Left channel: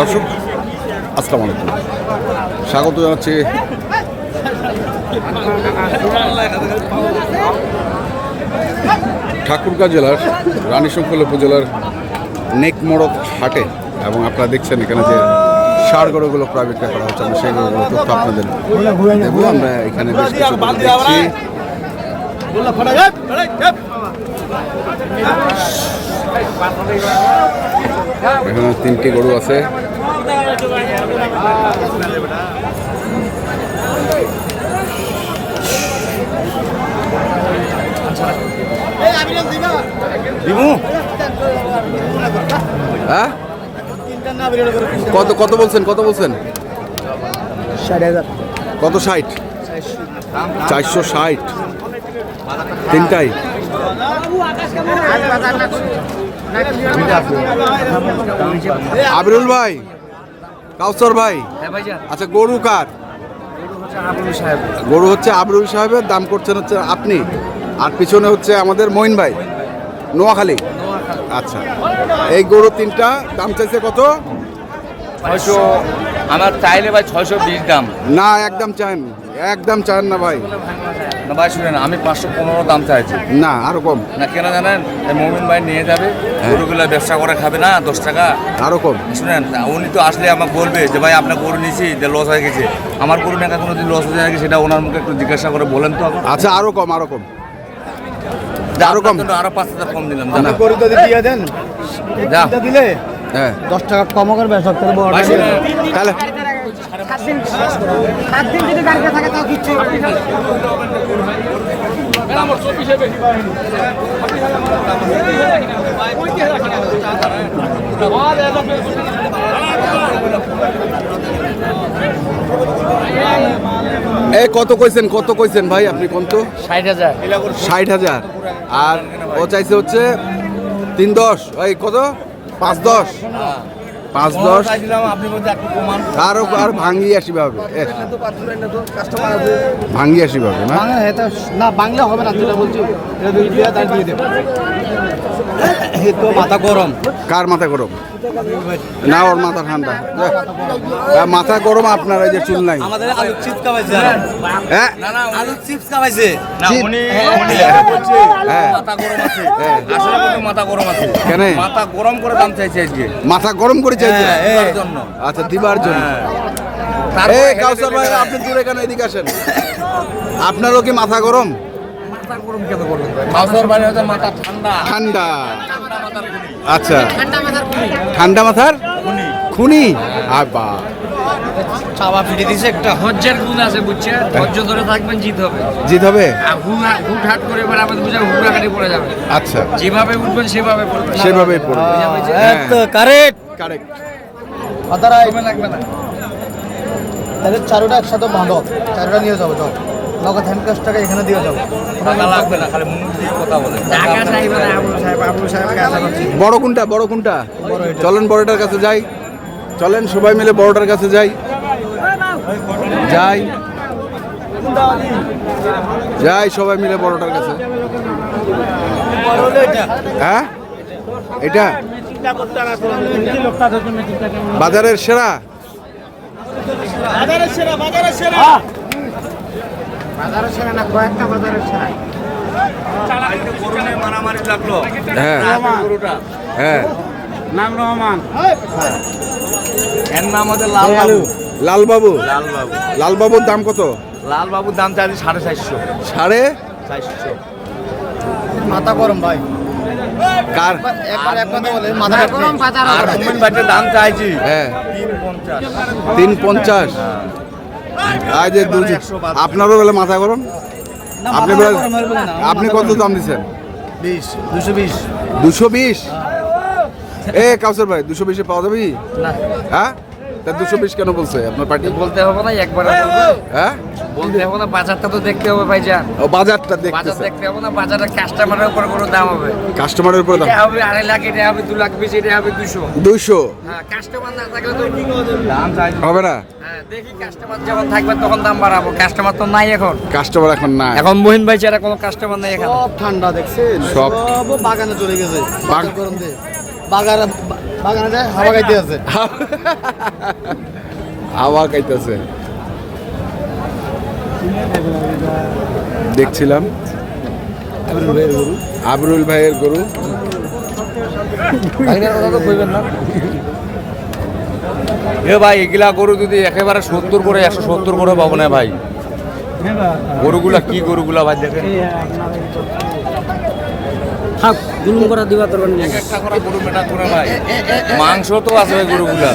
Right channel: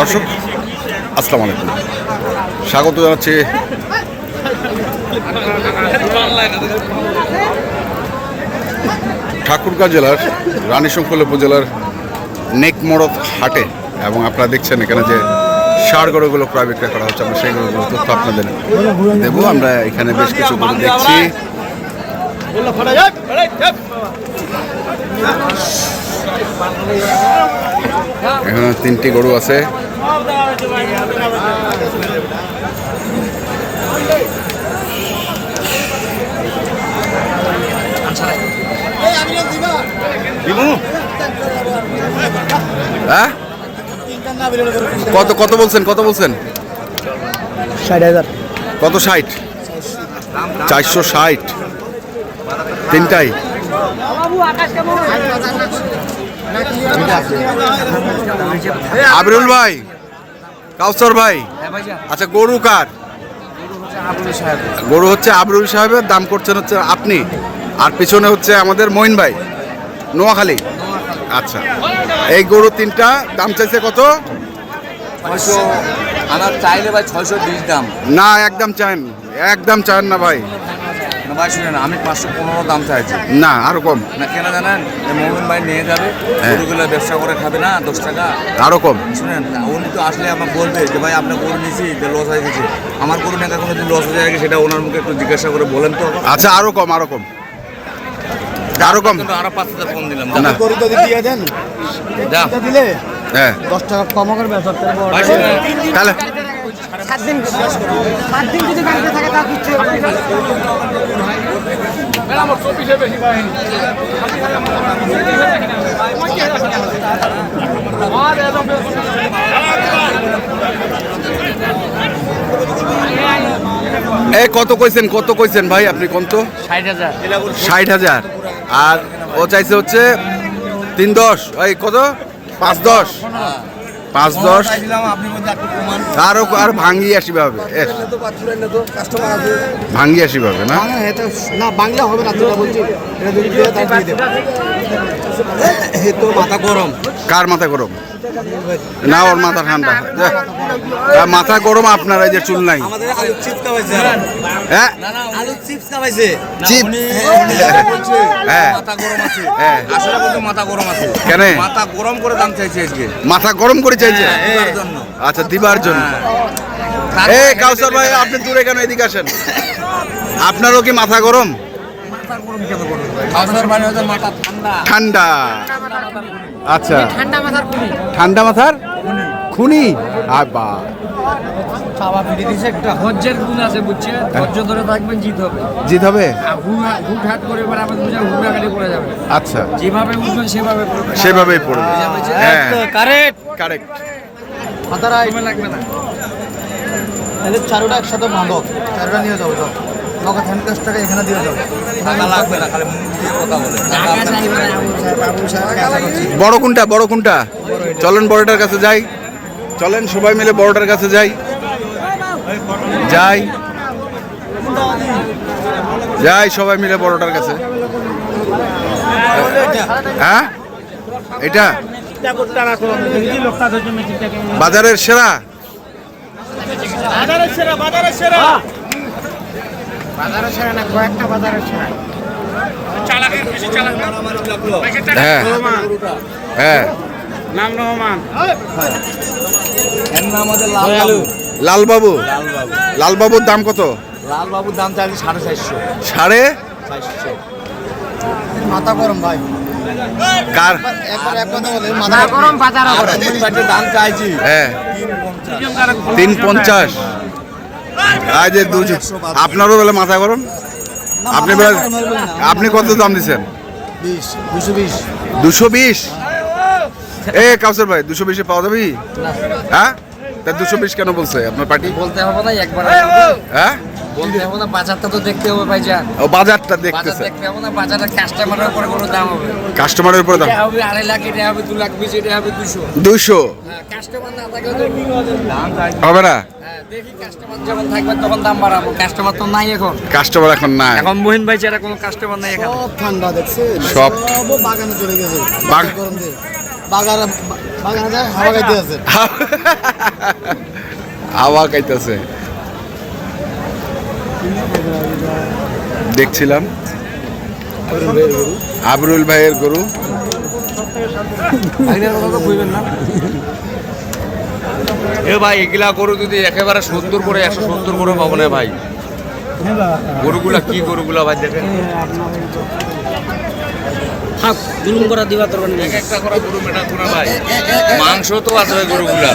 দর্শক আসসালামু আলাইকুম, স্বাগত জানাচ্ছি ঠাকুরগাঁ জেলার রানীশঙ্কল উপজেলার নেকমরদ হাটে। এবং আপনারা দেখছেন এখানে যে ষাঁড় গরুগুলো প্রায় বিক্রয় করা হচ্ছে, আমরা সেই গরুগুলো তথ্য আপনাদের দেবো। আমরা এখানে বেশ কিছু গরু দেখছি। এখানে 3টি গরু আছে। হ্যাঁ, কত বলছেন? 60,000। কত? 60? 460 তিনটাই। আবিরুল ভাই, কাউসার ভাই, আচ্ছা গরু কার? গরু হচ্ছে আবিরুল সাহেবের, দাম করছেন হচ্ছে আপনি, আর পিছনে হচ্ছে আমাদের মঈন ভাই, নোয়াখালী। আচ্ছা, এই গরু 3টা দাম চাইছে কত? 600। আমার চাইলে ভাই 620 দাম। না, একদম চান না ভাই। না ভাই শুনেন, আমি 515 দাম চাইছি। না, আরো কম। না কেন জানেন, মোমিন ভাই নিয়ে যাবে, গরুগুলো ব্যবসা করে খাবে না 10 টাকা। আরো কম। শুনেন, উনি তো আসলে আমাকে বলবে যে ভাই আপনার গরু নিয়েছি, যে লস হয়ে গেছে। আমার গরু না কোনো দিন লস হয়ে গেছে, সেটা ওনার মুখে একটু জিজ্ঞাসা করে বলেন তো। আচ্ছা, আরো কম। আরো 5,000 কম দিলেন। গরু যদি দিয়ে দেন, দিলে হ্যাঁ 10 টাকা কম করবে। তাহলে 7 দিন যদি গাড়িতে থাকে তাও কিচ্ছু এই কত কইছেন ভাই আপনি? কত? 60,000। আর ও চাইছে হচ্ছে 310। এই কত? 510। আর ভাঙ্গি আসি ভাবে না? না, বাংলা হবে না। তুই বলছি তো মাথা গরম। কার মাথা গরম? না, ওর মাথা ঠান্ডা। মাথা গরম আপনার, এই যে চুল নাই। হ্যাঁ, কেন মাথা গরম করে দাম চাইছে আজকে? মাথা গরম করে চাইছে? আচ্ছা, দিবার জন্য। এই কাউসার ভাই, আপনি দূরে কেন? এদিকে আসেন। আপনারও কি মাথা গরম? ঠান্ডা। আচ্ছা, ঠান্ডা মাথার খুনি। ধৈর্যের গুণ আছে, বুঝছে? ধৈর্য ধরে থাকবেন, জিত হবে। হুট হাট করে এবার আমাদের বুঝে হুড়াকাটি পড়ে যাবে। আচ্ছা, যেভাবে উঠবেন সেভাবেই পড়বে। হ্যাঁ, কারেক্ট। লাগবে না। তাহলে 4টা একসাথে ভাঙো, 4টা নিয়ে যাবো। নগদ হ্যান্ড ক্যাশ টাকা এখানে দিয়ে যাবো। লাগবে না, খালি মুখ দিয়ে কথা বলে। বড় কোনটা? চলেন বড়টার কাছে যাই। চলেন সবাই মিলে বড়টার কাছে যাই। সবাই মিলে বড়টার কাছে। হ্যাঁ, এটা বাজারের সেরা। হ্যাঁ হ্যাঁ, লালবাবুর দাম কত? লালবাবুর দাম চাইছে 450। 450। মাথা গরম ভাই। কার? আর মোমিন ভাইয়ের দাম চাইছি 350। আজ আপনারও বলে মাথা গরম। আপনি কত দাম দিচ্ছেন? 220। এ কাউসার ভাই, 220-এ পাওয়া যাবে? হ্যাঁ, তা 220 কেন বলছে আপনার পার্টি? বলতে হবে না একবার। হ্যাঁ, বলতে হবে না, বাজারটা তো দেখতে হবে ভাইজান। ও, বাজারটা দেখতেছে। দেখতে হবে না, বাজারের কাস্টমারের উপর কোনো দাম হবে। কাস্টমারের উপর দাম হবে 2.5 লাখ, এটা হবে 2 লাখ 20, এটা হবে 200। হ্যাঁ, কাস্টমার না থাকলে তো হবে না। হ্যাঁ, দেখি কাস্টমার যখন থাকবে তখন দাম বাড়াবো। কাস্টমার তো নাই এখন। নাই। এখন মহিন ভাই ছাড়া কোনো কাস্টমার নাই এখানে। সব ঠান্ডা দেখছেন, সব বাগানে চলে গেছে। বাগানে যায় হাওয়া খাইতে আছে। হাওয়া খাইতেছে দেখছিলাম আবরুল ভাইয়ের গরু। এ ভাই এগুলা গরু যদি একেবারে 70 করে 170 করে পাবো না ভাই। গরুগুলা কি গরুগুলা ভাই দেখেন, জুলুম করা দিবা তোর এক একটা করে গরু মেটা করে ভাই, মাংস তো আছে ওই গরুগুলা।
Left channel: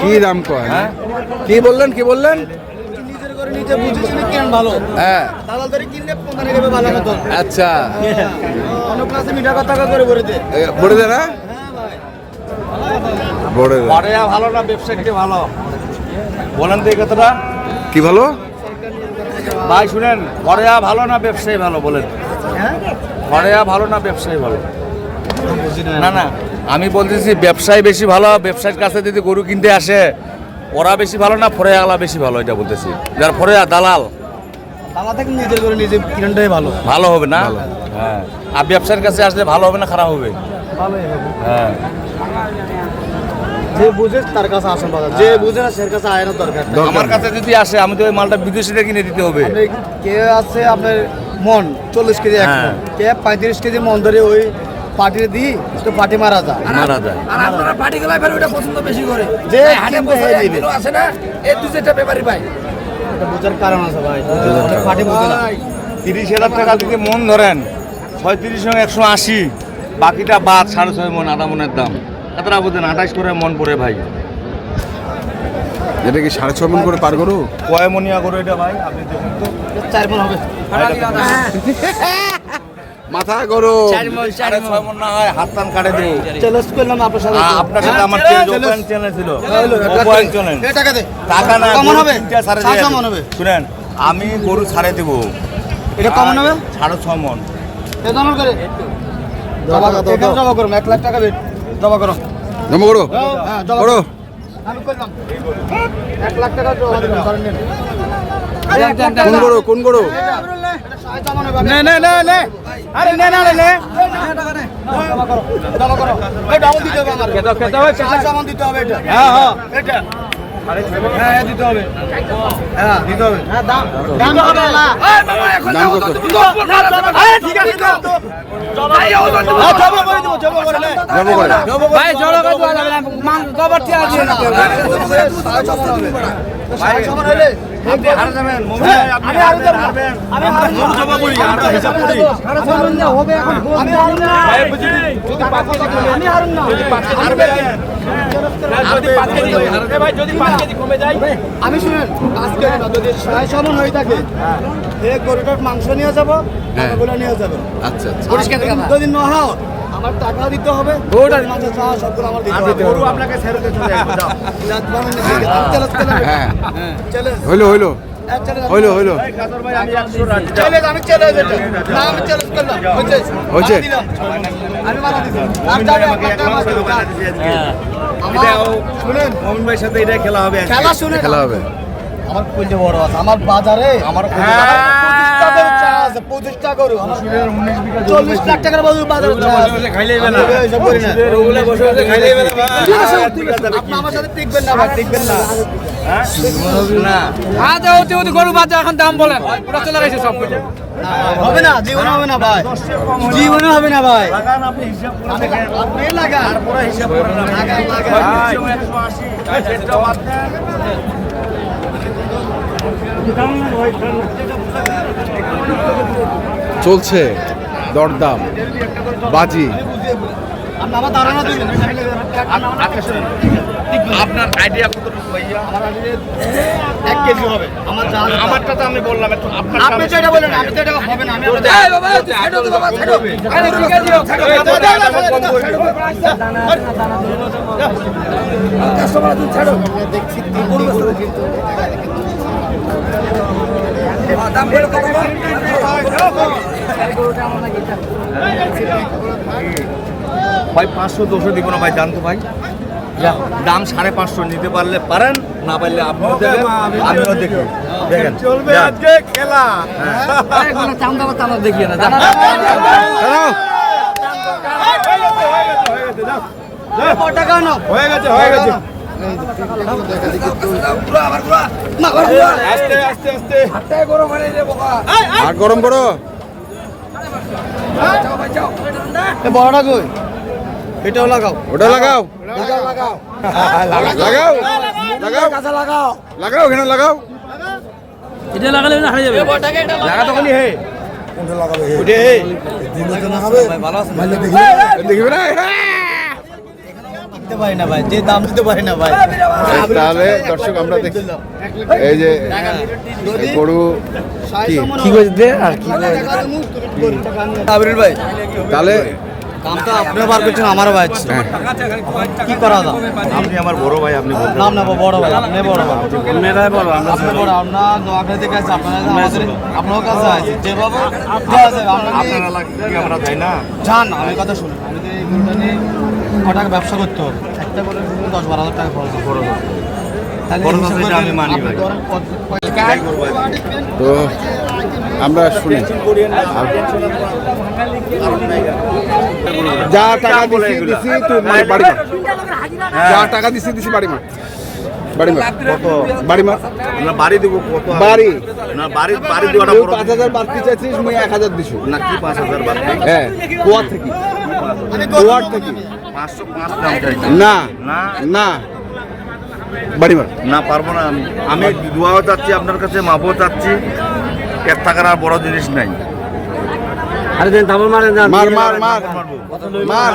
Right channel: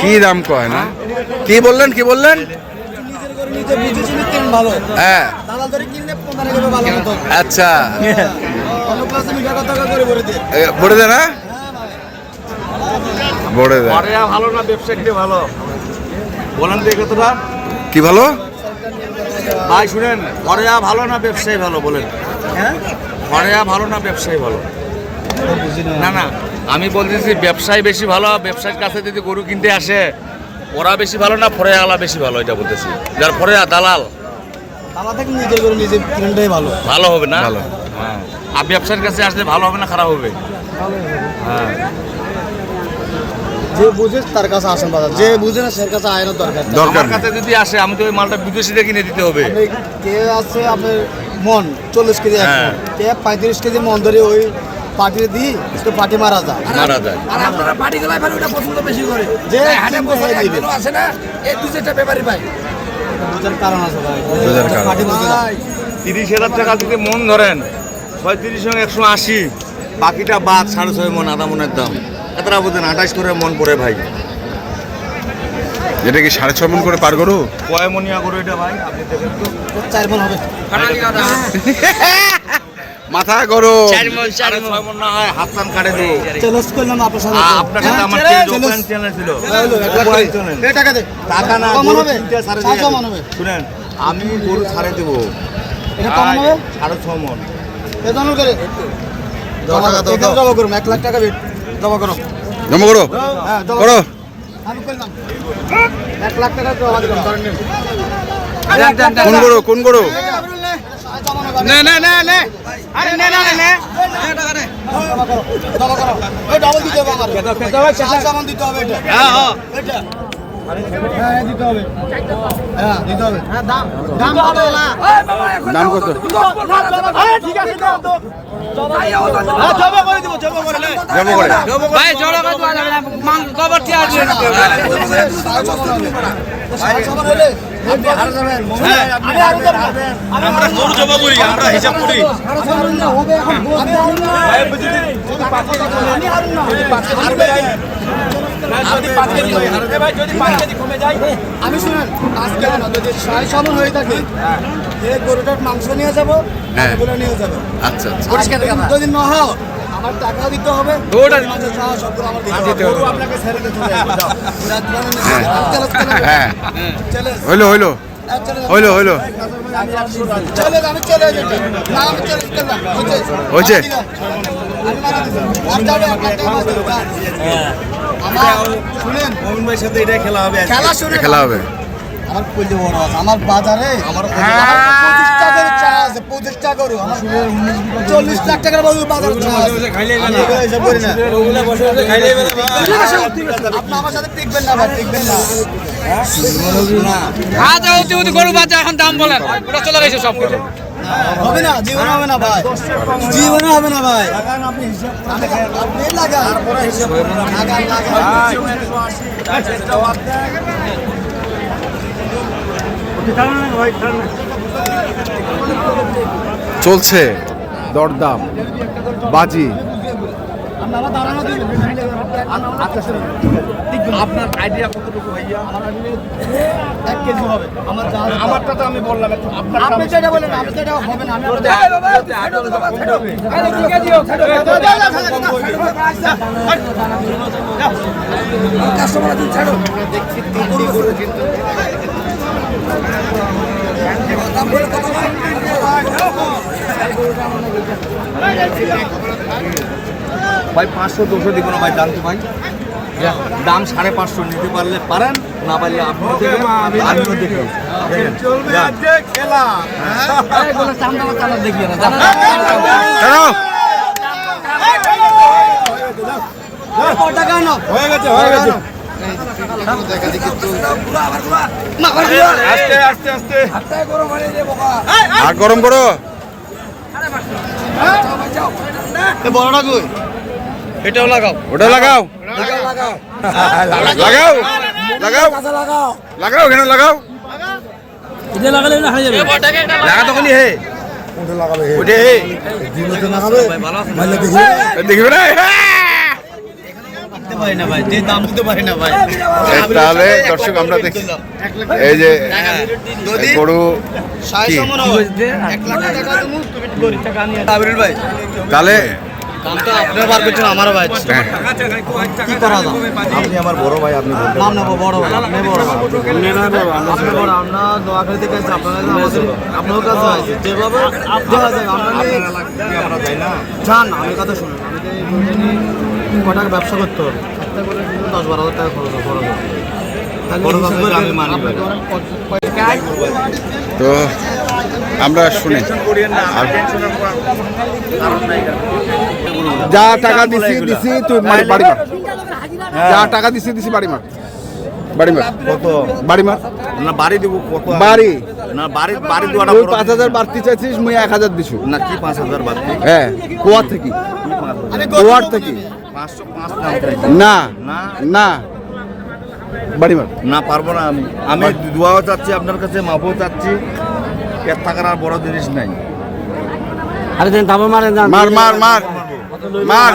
কি দাম কয় না? কি বললেন কি বললেন? নিজের করে নিজে বুঝেছিলি কেন ভালো, হ্যাঁ দালাল ধরে কিনলে 15 টাকা ভালো মতো। আচ্ছা অন্য ক্লাসে মিঠা কথা করে বলে দে। বলে দে না বলে দে ঘরে ভালো না ব্যবসায়ী ভালো বলেন তো এই কথাটা কি ভালো? ভাই শুনেন, ঘরে ভালো না ব্যবসায়ী ভালো বলেন? ঘরে ভালো না ব্যবসায়ী ভালো? না না, আমি বলতেছি ব্যবসায়ী বেশি ভালো। ব্যবসায়ীর কাছে যদি গরু কিনতে আসে ওরা বেশি ভালো না ফরেয়ালা বেশি ভালো, এটা বলতেছি। যার ফরেয়া দালাল, দালাল থেকে নিজের করে নিজে কিনটাই ভালো। ভালো হবে না? ভালো। হ্যাঁ, আর ব্যবসার কাছে আসলে ভালো হবে না খারাপ হবে? ভালোই হবে। হ্যাঁ, যে বুঝে তার কাছে আসেন বাজার, যে বুঝে না সের কাছে আয়ের দরকার নেই। দরকার আমার নেই। কাছে যদি আসে আমি তো ওই মালটা বিদেশিটা কিনে দিতে হবে। আপনি কে আছে আপনার মন 40 কেজি এক মন, কে 35 কেজি মন ধরে ওই পার্টিতে দিই তো পার্টি মারা যায়। মারা যায়। আর আপনারা পার্টি গলায় ভাই ওটা পছন্দ বেশি করে যে ভাই, হাটে কিনবে বসে হয়ে এক দিবে। গরু আছে না, এই 2-4টা ব্যাপারী ভাই। এটা বুঝার কারণ আছে ভাই, বুঝার কারণ। পার্টি বুঝে না। 30,000 টাকা যদি মন ধরেন 36 সঙ্গে 180, বাকিটা বাদ 6.5 মন, আধা মনের দাম এতটা বুঝেন 28 করে মন পড়ে ভাই। এটা কি 6.5 মণ করে পার গরু? কয় মনিয়া গরু এটা ভাই আপনি দেখেন তো? 4 মন হবে। মাথা গরু 6.5 মন না হয় হাত টান কাটে দেবো। চ্যালেঞ্জ করলাম আপনার সাথে। আপনার সাথে আমার চ্যালেঞ্জ ছিল। এই টাকা দে। টাকা না, কমন গরু হবে? 3টা সাড়ে 700 মন হবে। শুনেন, আমি গরু ছাড়ে দেবো। এটা কমন হবে? 6.5 মন। এ দমন করে জমা করুন, 1 লাখ টাকা বেট জমা করো। জমা করো হ্যাঁ জমা করো। আমি করলাম 1 লাখ টাকা জমা দিলাম ধরেন নিন। কোন গরু কোন গরু? নে নে নে নে, আরে নে নে নে নে, জমা করো জমা করো। এই ডাবল দিতে হবে আমার, খেতে হবে, সামান দিতে হবে এটা। হ্যাঁ হ্যাঁ এটা, হ্যাঁ দিতে হবে, হ্যাঁ দিতে হবে, দাম দিতে হবে না। দাম কত? ঠিক আছে দাও তো, জমা করে দেবো, জমা করে নে। জমা করে ভাই জড়ো ভাই তো গোবর টি আছে না। সাড়ে ছমান হবে, সাড়ে ছমান হলে আমি আরো যাবেন, আমি আরো যাব, আমি আরো জমা করি, আমরা হিসাব করি। সাড়ে ছমান না হবে এখন, আমি আরো না, আমি আরো না, যদি 5 কেজি কমে যায়, আমি শুনেন 5 কেজি না, যদি সাড়ে ছমান হয়ে থাকে এই গরুটার মাংস নিয়ে যাব, হ্যাঁ। বলে নিয়ে যাব। আচ্ছা আচ্ছা যদি না হয় আমার টাকা দিতে হবে, ওটার মাঝে চাওয়া সবগুলো আমার দিতে হবে। গরু আপনাকে ছেড়ে দিতে হবে। হ্যাঁ চ্যালেঞ্জ হইলো হইলো হইলো হইলো চ্যালেঞ্জ, আমি চ্যালেঞ্জ এটা না, আমি চ্যালেঞ্জ করলাম, হয়েছে? আমি মারা দিলাম, আমি যাবে আপনার টাকা মারা দিলাম। আমার শুনেন, মোমিন ভাইয়ের সাথে এটা খেলা হবে আজকে। খেলা শুনে খেলা হবে আমার কইতে বড় আছে, আমার বাজারে আমার 25 টাকা করে চা আছে, 25 টাকা করে আমার 40 লাখ টাকার বাজারে চা আছে। খাইলেই আমি না। এসব করি না। ওগুলা বসে বসে খাইলেই না ভাই। ঠিক আছে, ঠিক আছে, আপনি আমার সাথে টিকবেন না ভাই, টিকবেন না। না, আজ অতি অতি গরু বাজার এখন দাম বলেন, ওটা চলে গেছে সব কিছু। হবে না, জীবনে হবে না ভাই, জীবনে হবে না ভাই। আপনি লাগান, তারপরে হিসাব করে দাম। লাগান, লাগান। 180 সেটা বাদ দেন। চলছে দরদাম বাজি। আপনি আমার ধারণা দিবেন, আপনার আইডিয়া কতটুকু ভাইয়া? আমার আগে 1 কেজি হবে আমার যা আমারটা তো আমি বললাম একটু আপনার আপনি যেটা বলেন, আমি তো এটা হবে না, আমি আপনার এই বাবা, ছেড়ে দাও বাবা, ছেড়ে দাও। আরে ঠিক আছে, ছেড়ে দাও। কাস্টমার আছে, ছেড়ো। দেখছি দাম বলে কত বল? ভাই 500 200 দিব না ভাই, জানতো ভাই দাম 550 নিতে পারলে পারেন, না পারলে আপনি দেখেন আমিও দেখি। দেখেন চলবে আজকে খেলা। এগুলো চান্দা চান্দা দেখিয়ে না। কেন হয়ে গেছে হয়ে গেছে আস্তে আস্তে আস্তে আর গরম করো। বড়টা কই এটাও লাগাও ওটা লাগাও লাগাও লাগাও লাগাও এখানে লাগাও। লাগা তখনই হে ওটা হে দেখবে না পারি না ভাই যে দাম দিতে পারি না ভাই তাহলে দর্শক আমরা দেখি এই যে গরু কি ভাই তাহলে আমার ভাই হ্যাঁ, কি করা যায় আপনি আমার বড় ভাই আপনি নাম নেবো বড় ভাই আপনি বড় ভাই আপনি বড় আপনার নোয়াখালী কাছে আপনারা আমাদের আপনার কাছে আছে যেভাবে দেওয়া যাবে আপনারা আমরা যাই না জান আমি কথা শুনুন আমি ক টাকা ব্যবসা করতে হবে একটা করে 10-12 হাজার টাকা খরচ বড় তাহলে আমি মানি ভাই তো আমরা শুনি আর যা টাকা দিছি তুই মানে বাড়ি মার, যা টাকা দিছি বাড়ি মার, বাড়ি মার, বাড়ি মার, আমরা বাড়ি দেবো কত বাড়ি না বাড়ি বাড়ি দেবো তুই 5,000 বাড়তি চাইছিস মুই 1,000 দিছু না কি 5,000 বাড়ি হ্যাঁ কোয়ার থেকে কোয়ার থেকে 505 দাম চাই না না না বাড়ি মার না পারবো না আমি দোয়াও চাচ্ছি আপনার কাছে মাপও চাচ্ছি এর টাকার আর বড় জিনিস নাই মার মার মার মার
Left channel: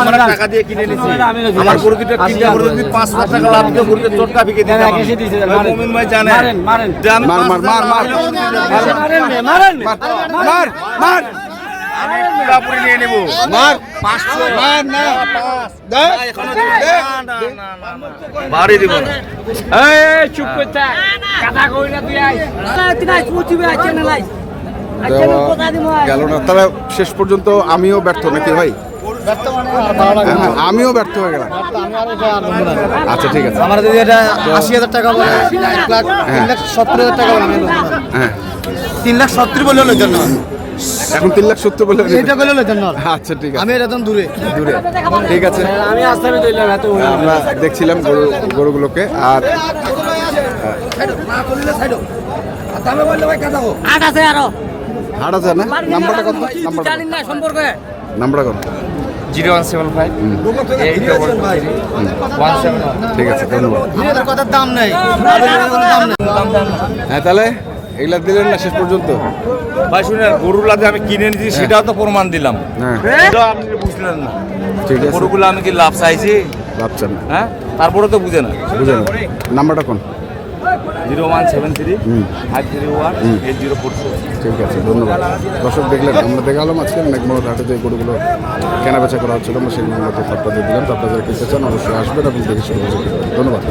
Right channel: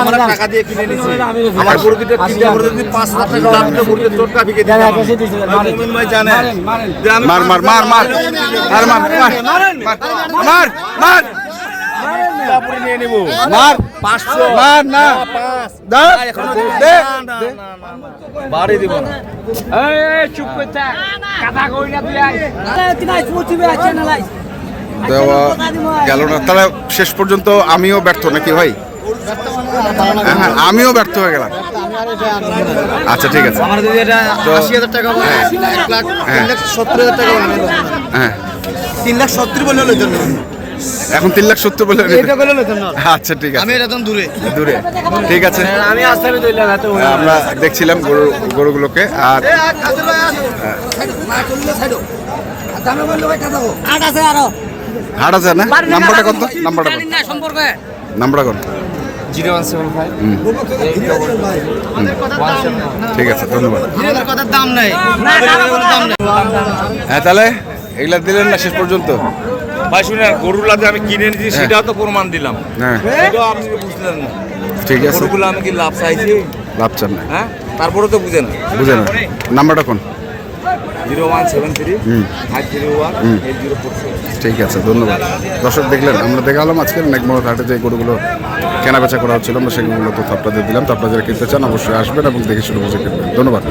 আমরা টাকা দিয়ে কিনে নিছি আমার গরুটা কিনতে করে যদি 5,000 টাকা লাভ করে গরুকে চটকা বিকে দিতে মুমিন ভাই জানে যে আমি মার মার মার মার মার মার মার মার আমি পুরাপুরি নিয়ে নেব মার মার না দে দে বাড়ি দেব না দেওয়া গেল না। তাহলে শেষ পর্যন্ত আমিও ব্যর্থ নাকি ভাই? হ্যাঁ আমিও ব্যর্থ হয়ে গেলাম। আচ্ছা ঠিক আছে আমার যদি এটা তো 80,000 টাকা বলে 1 লাখ হ্যাঁ 3,70,000 টাকা আমি লইতাম না হ্যাঁ 3,70,000 বলে লইতাম না এখন 3,70,000 বলে এটা বলে লইতাম না আচ্ছা ঠিক আমি আছে এটা দূরে দূরে ঠিক আছে আমি আস্তানে দইলাম এত আমরা দেখছিলাম গরুগুলোকে আর হাট আছে না নাম্বারটা কত নাম্বারটা নাম্বারটা কত 0175 ঠিক আছে ধন্যবাদ কথার দাম নাই হ্যাঁ তাহলে এগুলা দিলেন না শেষ পর্যন্ত ভাই শুনেন গরুগুলা যে আমি কিনে নিয়েছি সেটাও তো প্রমাণ দিলাম হ্যাঁ সেটাও আপনি বুঝলেন না ঠিক আছে গরুগুলো আমি কি লাভ চাইছি লাভ চান না হ্যাঁ তারপরে তো বুঝেন বুঝে না নাম্বারটা কোন 0173 হুম 501 8047 ঠিক আছে ধন্যবাদ দর্শক দেখলেন আমরা দেখালাম আজকে নেকমরদ হাটে যে গরুগুলো কেনা বেচা করা হচ্ছিল আমরা সেগুলো তথ্য আপনাদের দিলাম তো আপনারা যারা কিনতে চান অবশ্যই আসবেন এবং দেখে শুনে বুঝে কিনবেন ধন্যবাদ